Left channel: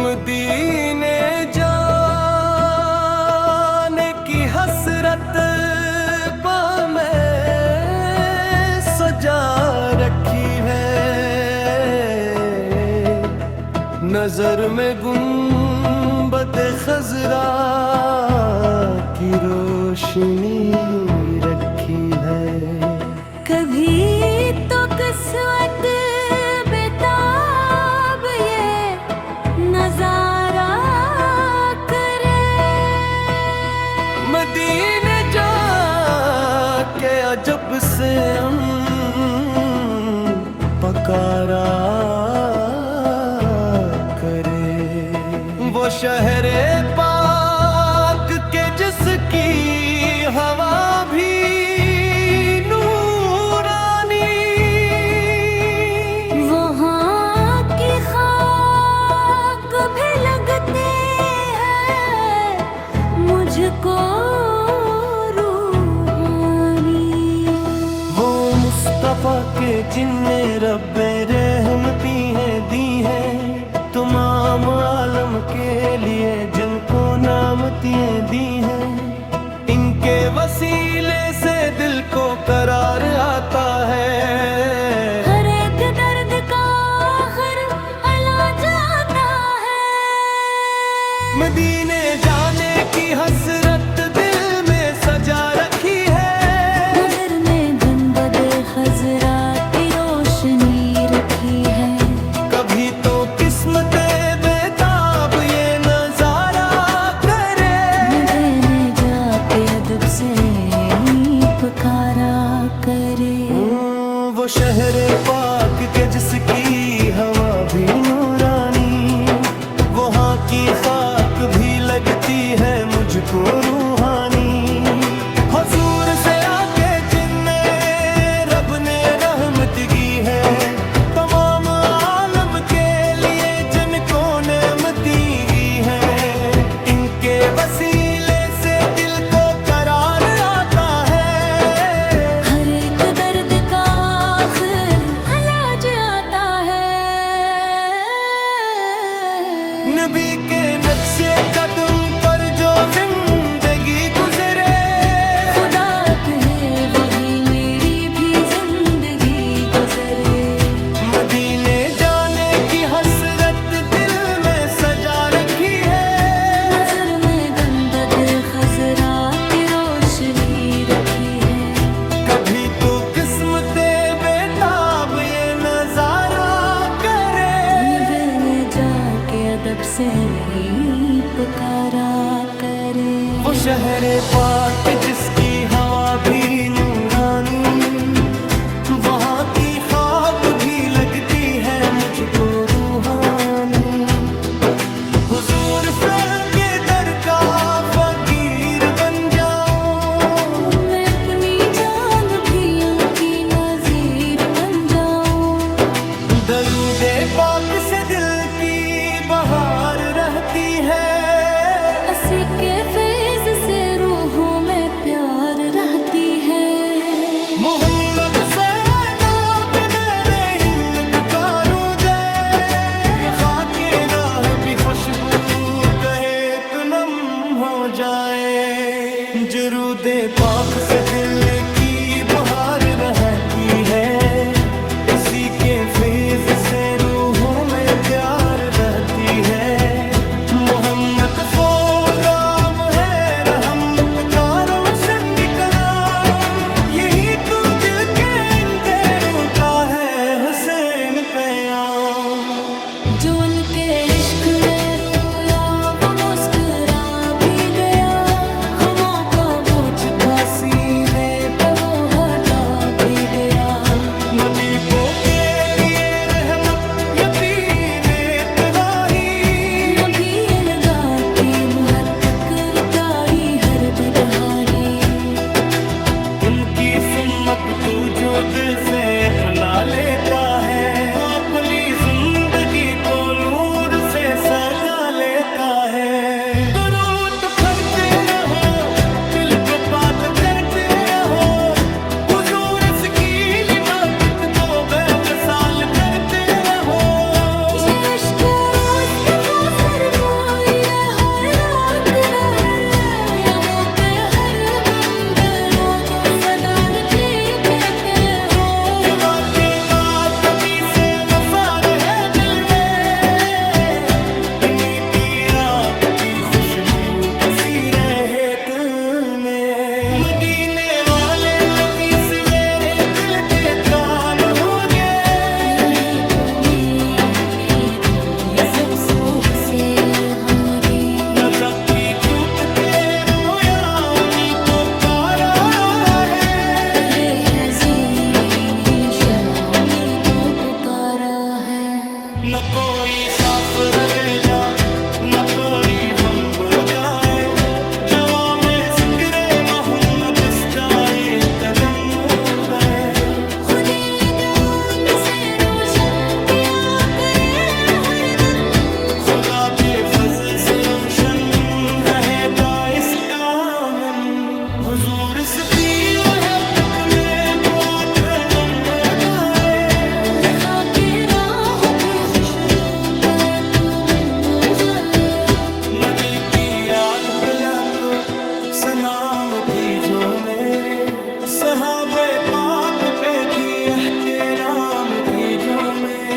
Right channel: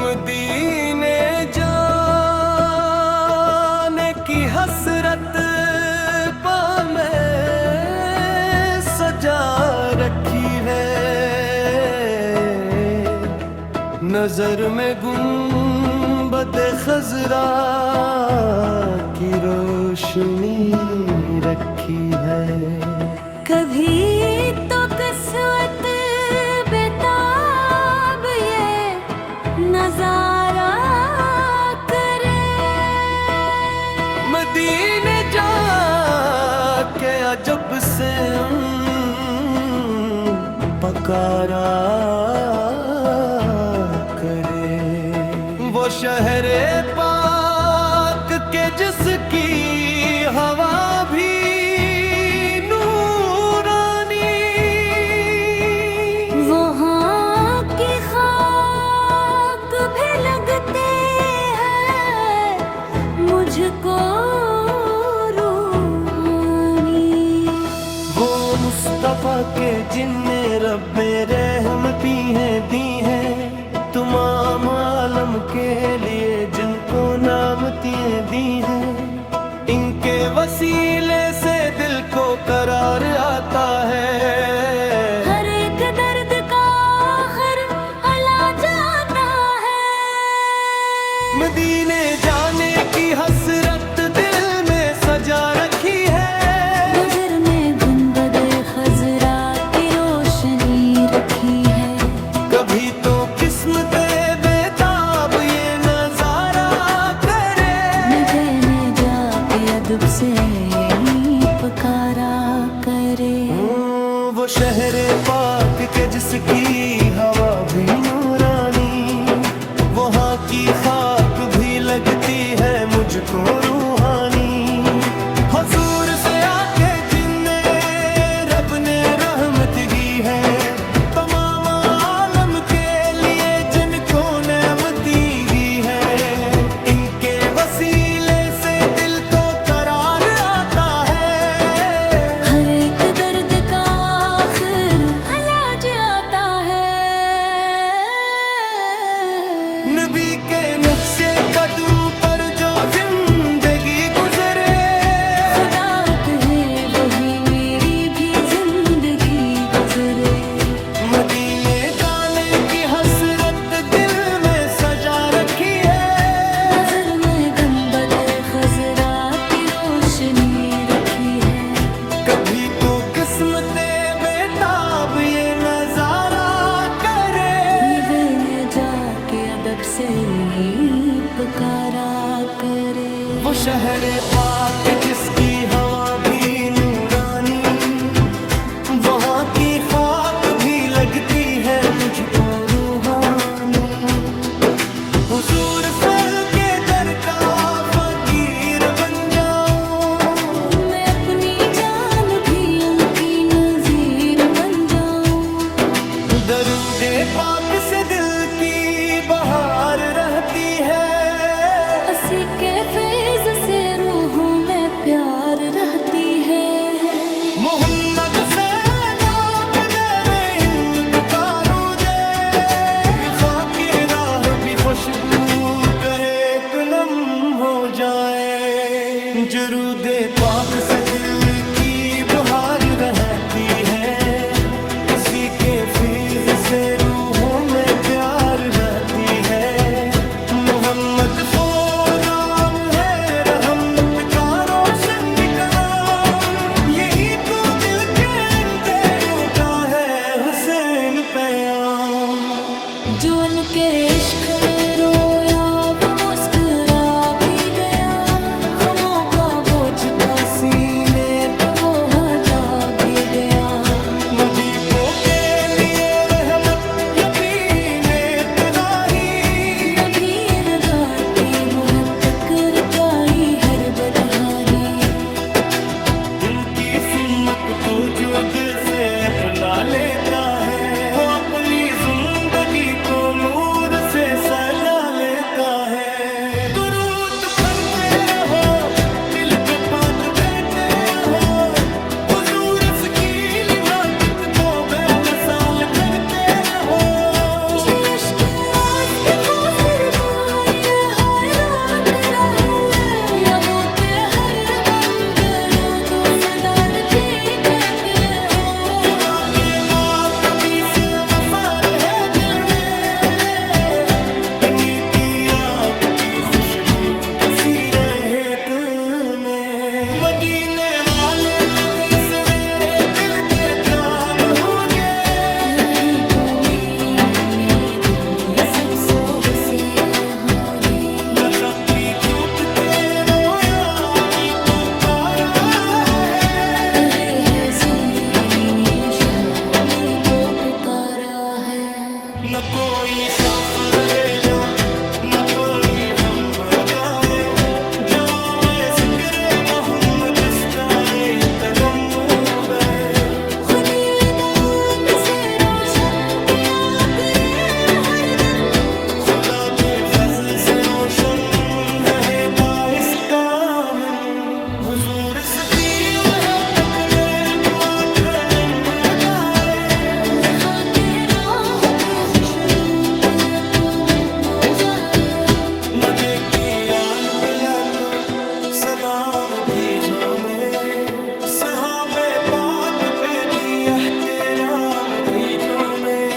मदीने जाने की हसरत पा मैं सजा रखी है, नजर में गुंबद खजरा की रोशनी रखी है। कभी तो किस्मत बेताब ये नजारा करे, मदीने जाके अजब से पकारा करे। वो शहरे पाक के जिसकी हवा भी नूरानी, वहाँ की खाक भी लगते हैं मुझको रूहानी। वो मुस्तफा के जिन्ने रब में रहमती हैं दी हैं, तमाम आलम के लिए जिनको नामतियाँ दी हैं। इनके वसीले से दिल को करार आता है, हर एक दर्द का आखिर इलाज आता है। मदीने जाने की हसरत दिल में सजा रखी है, नजर में गुंबद खजरा की रोशनी रखी है। कभी तो किस्मत बेताब ये नजारा करे, देने जाके अदब से पुकारा करे। वो शहरे पाक के जिसकी हवा भी नूरानी, वहाँ की खाक भी लगती है मुझको रूहानी। हुजूर से आके जिन्ने रब ने रहमत की है, तमाम आलम के लिए जिनको नेमती की है। इनके वसीले से दिल को करार आता है, हर एक दर्द का आखिर इलाज आता है। नबी के नक्शे कदम पर जो जिंदगी गुजरे, खुदा कहे वही मेरी भी जिंदगी गुजरे। मदीने जाने की हसरत दिल में सजा रखी है, नजर में गुंबद खजरा की रोशनी रखी है। कभी तो किस्मते बेताब ये नजारा करे, देने जाके अदब से ही पुकारा करे। वो शहरे पाक जिसकी हवा भी नूरानी, वहाँ की खाक भी लगती है मुझको रूहानी। हुजूर फैल के दर का फकीर बन जाऊं, मैं अपनी जान भी उनकी नजीर बन जाऊं। दरूदे पाक से दिल की बहार रहती है, हंसी के फैज से रूहों में प्यार रहती है। मोहम्मद से नाम मेरे इनकारो जाए, खाके राह भी खुशबू कहे नम हो जाए। जरूदे पाक से दिल की बहार रहती है, इसी के फैज़ से रूहों में प्यार रहती है। मोहम्मद को राम है रहमत का रोशन नाम, यही तो दिल के अंधेरों का है हुसैन पैगाम। जो उनके इश्क में रोया वो मुस्कुरा भी गया, गमों का बोझ था सीने पे वो हटा भी गया। मदी को के लिए रहमत यकीने तलाही, नबी अलगार की मुहत करताई हर बदहारी। उनकी सुन्नत تو جو دل سے اپنا لیتا ہے وہ اپنی زندگی کو نور سے سجا لیتا ہے درود پڑھتے رہو دل کو بات کرتے رہو حضور اس کی نعمت کو بے مثال کرتے رہو عشق مصطفیٰ سرمائی حیرات رہے یا وہ تے ہر منظر و تو صدار کی کہتے ہو یہ واقع بات کبھی سے مفار ہے دل میں اتنی رات کی خوشبو بسی رہے تمہیں مدینے والے نبی سے میرے دل کے کان ہو جائے یہی تو میں دوں گی سب سو سے ہاری نہ سب کی ٹوٹتے رویا امی تو کارا ہے رے ہے شامی کو پکارا ہے نہ کوئی سافر بھیجا نہ کوئی ہم بتائے جوان میں ذکر محمد اسٹارے تجمع گئے خدے دمان سے روشن کیا کرے ہر دم خدا کے فضل سے روشن رہتا اس کا من حضور اس کی محبت میں تو آخر نمبر گائے لکھا کے راہ بھی خوش روتا ہے تو منگو جائے نہ دیکھی رال پلک سلام بھیجو میں صحابہ پاک پہ بھی احترام بھیجو میں